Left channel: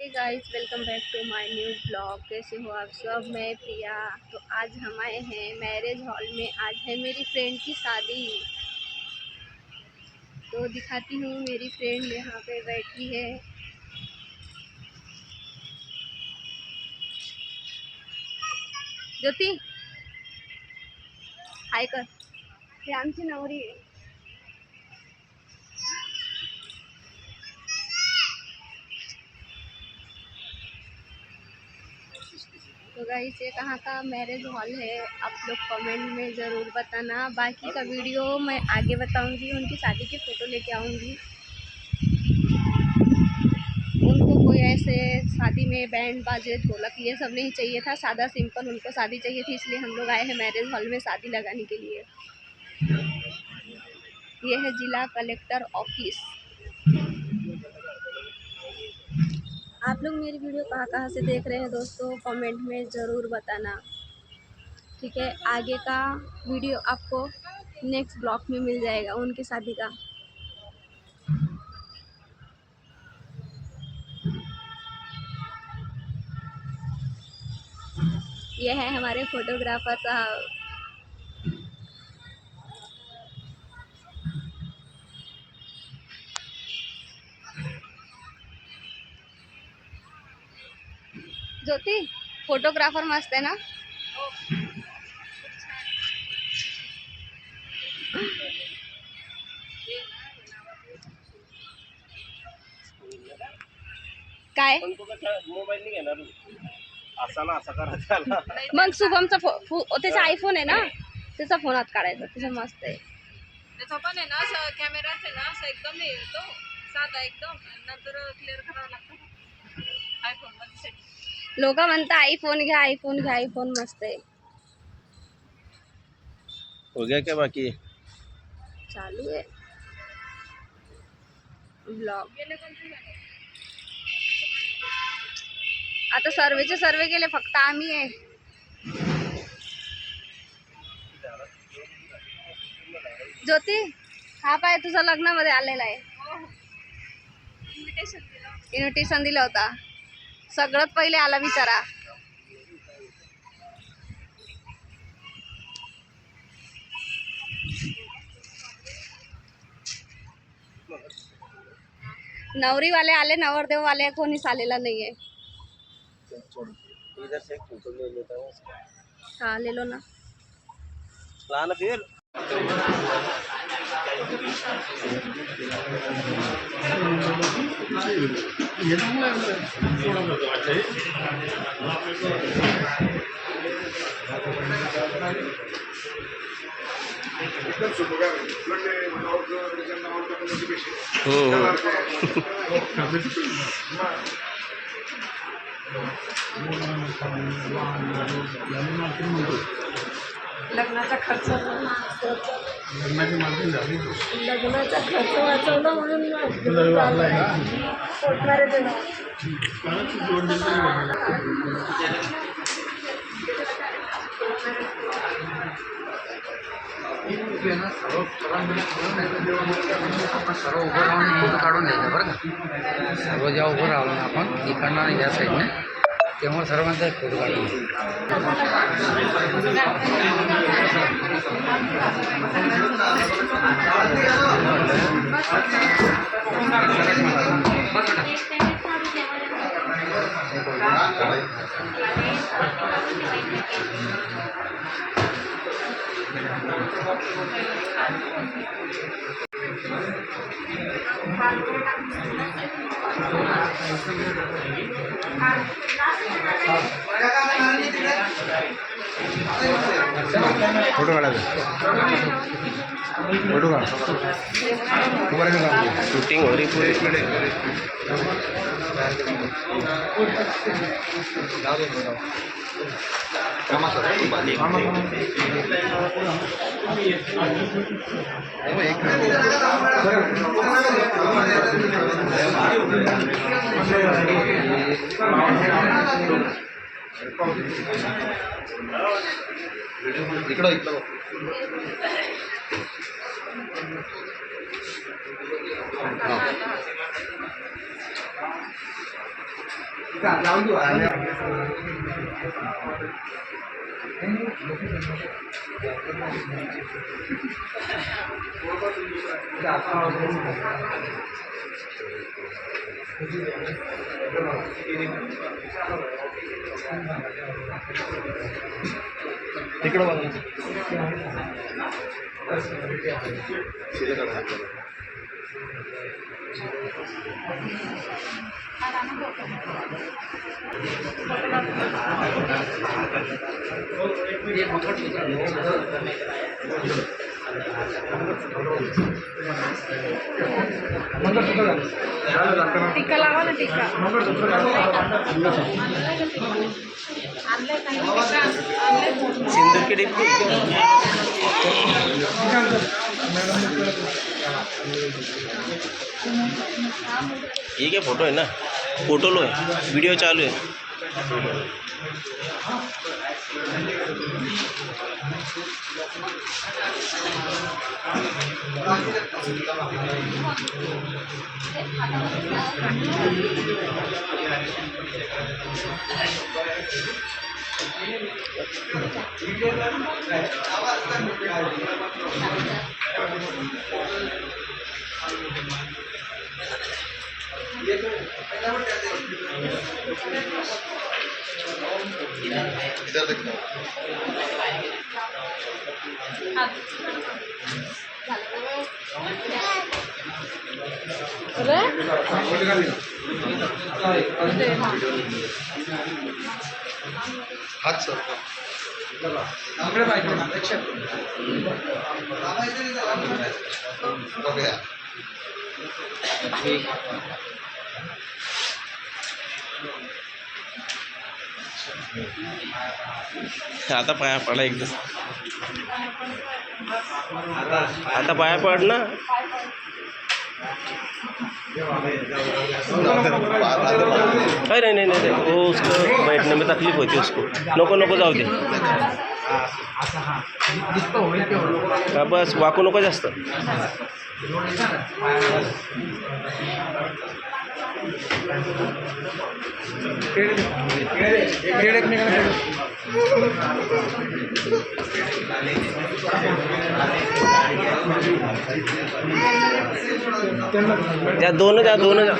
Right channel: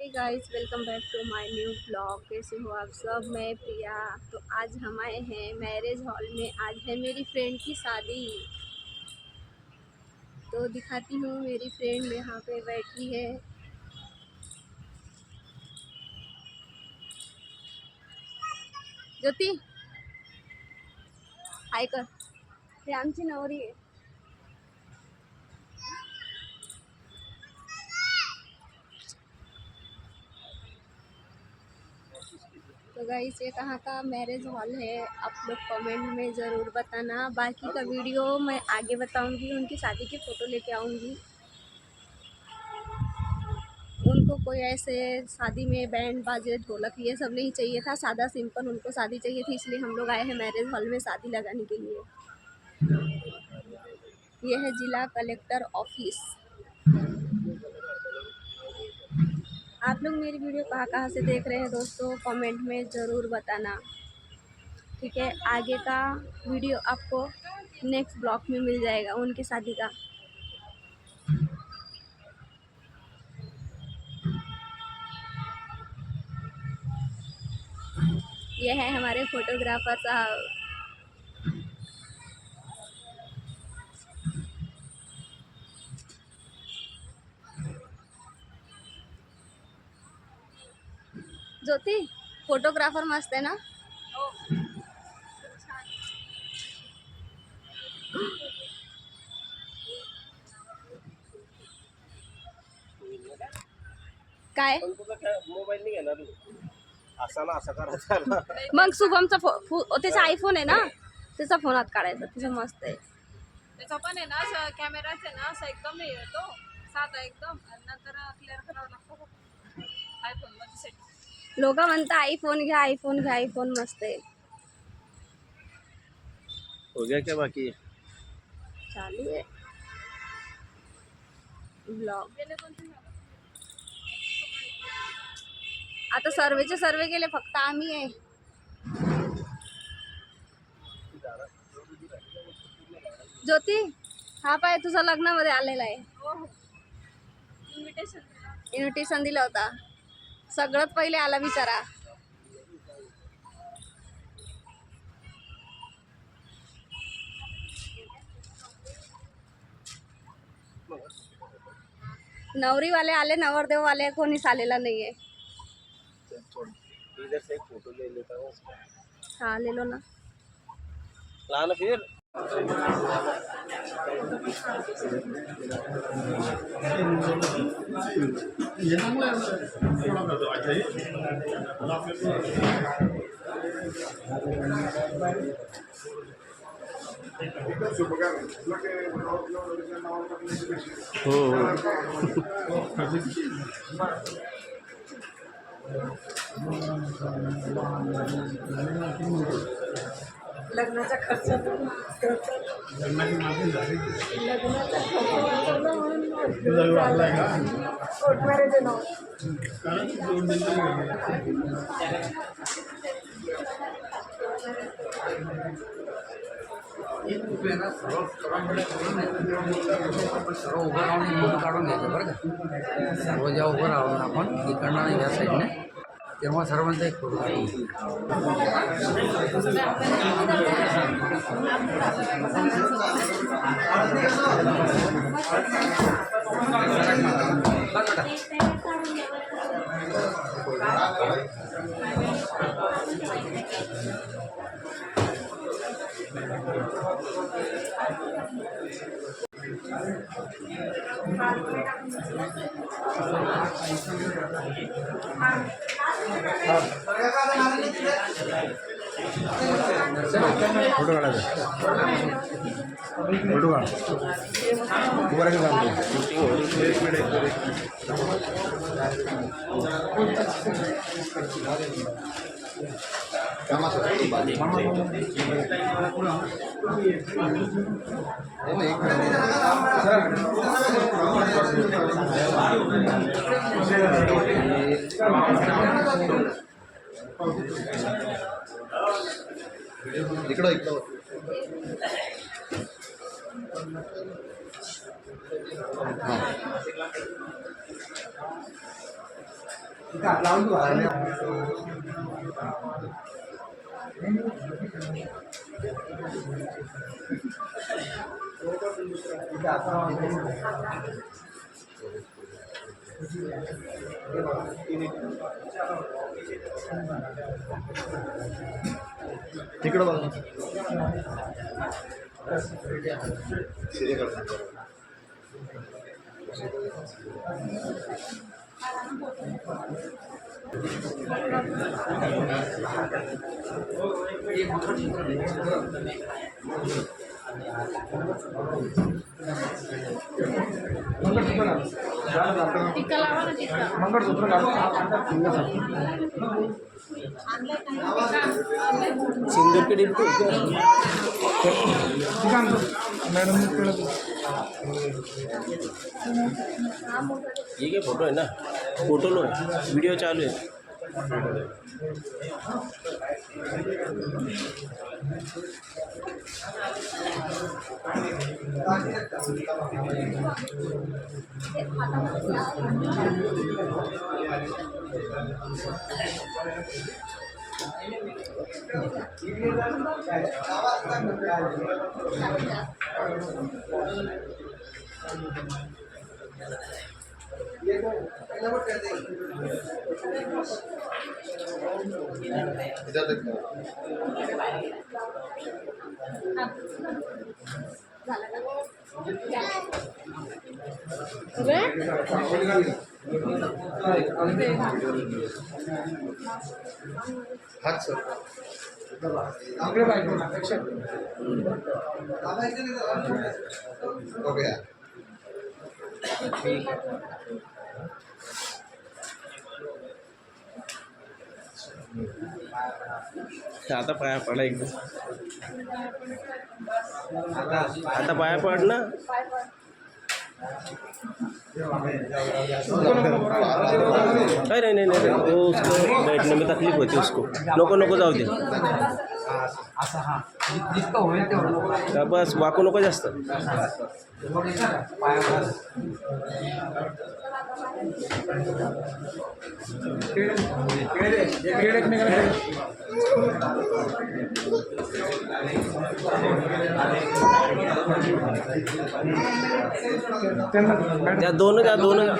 हे guys, welcome back to my new blog. कैसे हो आप सब? मैं प्रिया। तो आज हम आए हैं मैरिज हॉल में। आज है मेरी फ्रेंड की शादी। तो दिखाती हूँ, मेरी फ्रेंड यहाँ पे बैठी है। ज्योति, हाय कर। हे आमची नवरी आहे। तो गाइस, ये कहाँ का मैरिज हॉल है आप लोग कमेंट में ज़रूर बताना। बाकी का वीडियो मैं आगे बताऊंगी। उनकी शादी की फ़ोटो लेके आऊँगी। उनको कोई ऐसे शादी में बैंड बाजे ढोलक ये सब नहीं चाहिए था। सादा सिंपल उनको शादी चाहिए थी, इसलिए हम लोग आए हैं मैरिज हॉल में शादी लगाने के लिए। ये है जिला कलेक्टर ऑफिस। आप लोग मेरी वीडियो कहाँ कहाँ से देख रहे हैं दोस्तों, कमेंट में ज़रूर बताना। ठीक है, आगे का वीडियो आपको नेक्स्ट ब्लॉग में मिल जाएगा उनकी शादी का। ये है हमारे फोटोग्राफर साहब। ज्योति, फोटोग्राफर मस्त है ना? काय मोबाईल नाही घेणार असा ना असा करायचा मग शुभमचा त्याचा आयफोन आहे ना, त्याचा फोन हात काढायचा, त्याचा मस्त आहे। त्याचा पण आहे ना कॅमेराच आहे ना, असा एकदम हे येतो साधा एकदम, नंतर क्लिअर करावा लागतो आयफोन मध्ये सेटिंग। लोक म्हणता आयफोन घ्या, आयफोन घ्या, आयफोन मस्त आहे। हो गया क्या बाकी? चालू आहे ब्लॉग। आता सर्वेचे सर्वे केले, फक्त आम्ही आहे। ज्योती, हा पाय तुझा लग्नामध्ये आलेला आहे। इन्व्हिटेशन दिला होता। सगळ्यात पहिले आला बिचारा। नवरी वाले आले, नवरदेव वाले कोणीच आलेला नाहीये। इधर से एक फोटो ले लेता हूँ उसका। हाँ, ले लो ना। लाना फिर लग्नाचा खर्च वाचवला म्हणून कोर्ट मॅरेज आहे ना। आपण सर्व उभं राहून फोटो काढून द्यायचं बरं का। सर्व जेव्हा उभं राहून आपण इकडनं आणि या साईडने, तेव्हा सर्वांचा एक फोटो काढून फोटो काढायचा। फोटो का तुम्हाला काम शूटिंग हो रही पूरी। इकडं इकडं हां तिकडं बघा सीधे करा. टिक्का लावा ना टिक्का. सिंदूर की डिब्बी ये क्या फोटो है ना, फोटो लो है, वीडियो चालू है. इधर देखो. हाथ सर हो गया. आता पाया पडा एकदा, आता पाया पड ना. अरे नहीं नहीं वो उसको बैठने में तकलीफ होती है उसको. नको नको जाऊ दे. हा, बस वाकू नको जास्त. जा दोनों जा.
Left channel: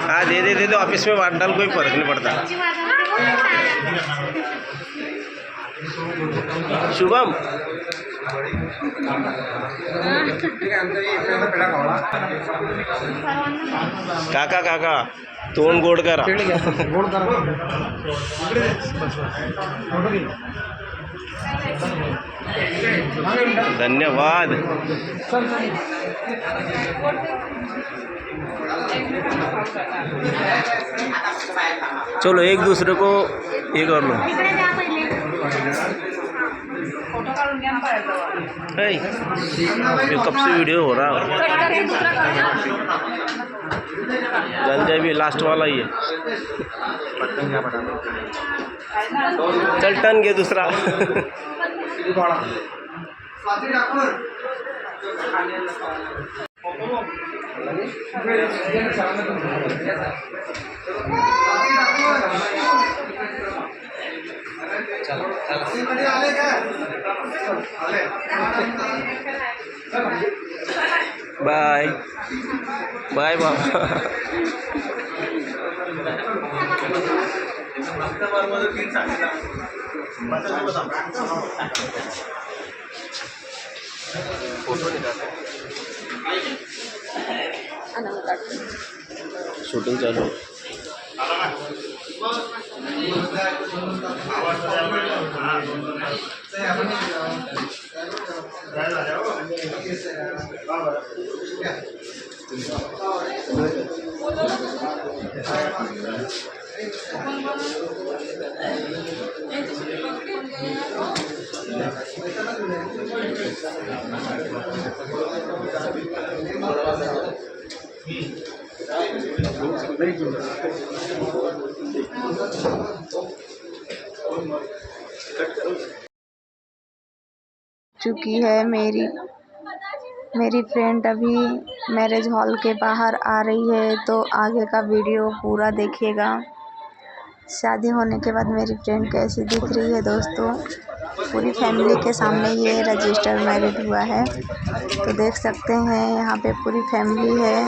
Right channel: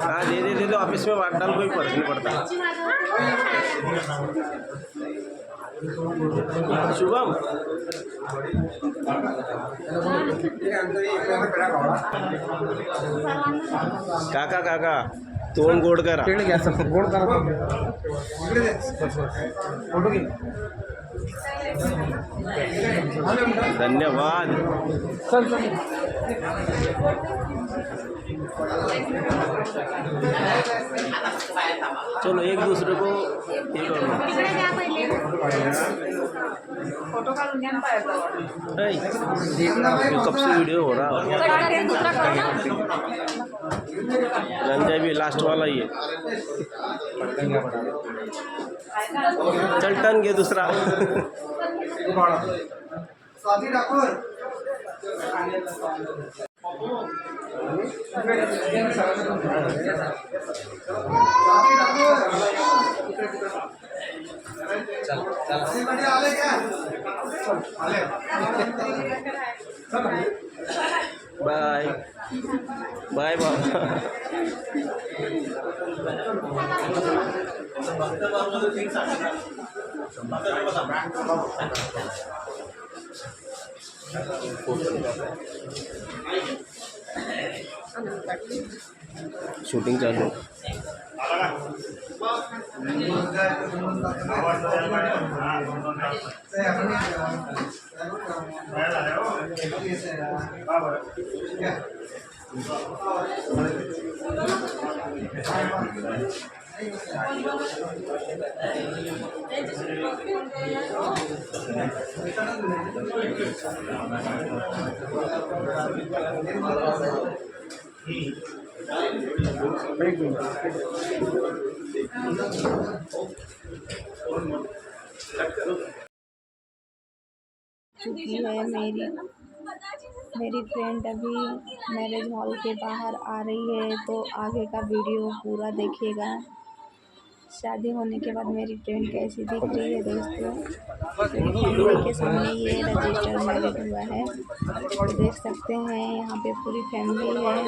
हाँ दे दो ऑफिस में बांट डाल, कोई फर्क नहीं पड़ता. शुभम काका तोंड गोड करा. धन्यवाद. चलो एक दूसरे को ये कर लो. ये कब से वीडियो हो रहा है. कट करके दूसरा करना. गंजा भी लास्ट वाला ही है. चल टन घे दुसरा. बाय बाय बाबा. फोटो निकाल. शूटिंग चालू है. चुकी है। मेरी फ्रेंड अभी मैरिज हॉल के बाहर आ रही है, तो आगे का वीडियो पूरा देखिएगा। शादी होने के बाद मेरी फ्रेंड कैसी दिख रही है दोस्तों, पूरी फैमिली के सामने ये रजिस्टर मैरिज हुआ है, तो देख सकते हैं यहाँ पे पूरी फैमिली है।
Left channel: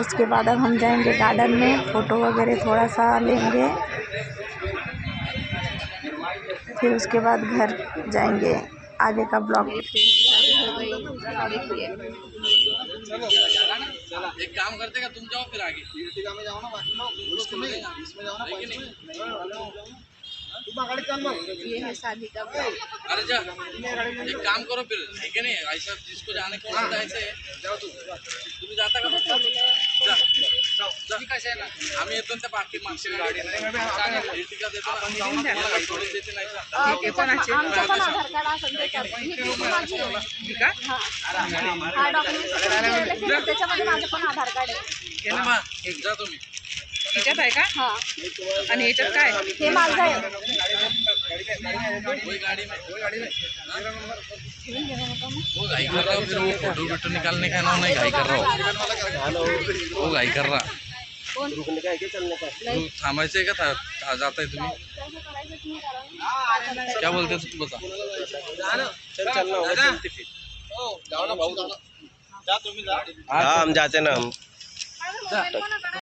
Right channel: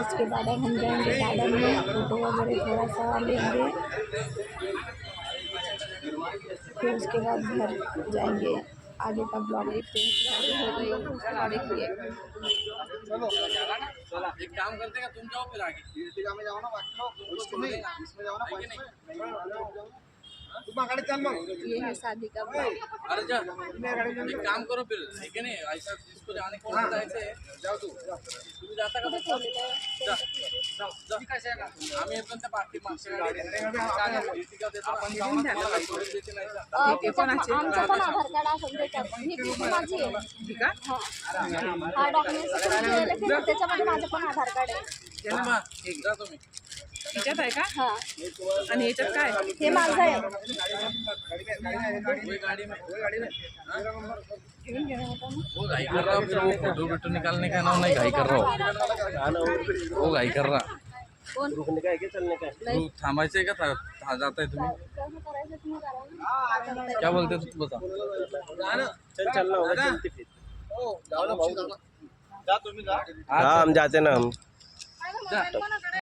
उसके बाद अब हम जाएंगे गार्डन में, फ़ोटो वगैरह थोड़ा सा लेंगे, फिर उसके बाद घर जाएंगे। आगे का ब्लॉग। मेरी फ्रेंड की शादी हो गई, देखिए। एक काम करते का तुम जाओ फिर आगे में जाओ ना, बाकी लोग इसमें जाओ ना, ये है शादी का ब्लॉग। अरे जा एक काम करो फिर, ठीक है नहीं ऐसा जिसको जाने को होता है ऐसे जाओ तुम्ही जाता का कसं आहे ना, आम्ही येतो त्या बाकी मागच्या गाडी देते नाही आमचं पण आधार कार्ड असेल त्याच्यात, ही टीसी माझी आहे हा, हा डॉक्युमेंट त्याच्यामध्ये माझं पण आधार कार्ड आहे। जा तुम्ही ह्याच्यात आहे का? हा, आणि ह्याच्यात काय? हे माझं आहे। वो घाई कर रहा फिर वो फोटो बिटो निकालने का नाम नहीं घाई कर रहा वो घाई कर रहा रुकने का है क्या, चलने का है? तू थांबायचं आहे का जाता है तुम्ही कसं करायचं तुम्ही करा ना। क्या बोलते तू बता चल चलना होगा, चलते फिर। जाओ ना भाऊ, जाओ ना. जा तुम्ही जा. हाँ हम जाते ना हम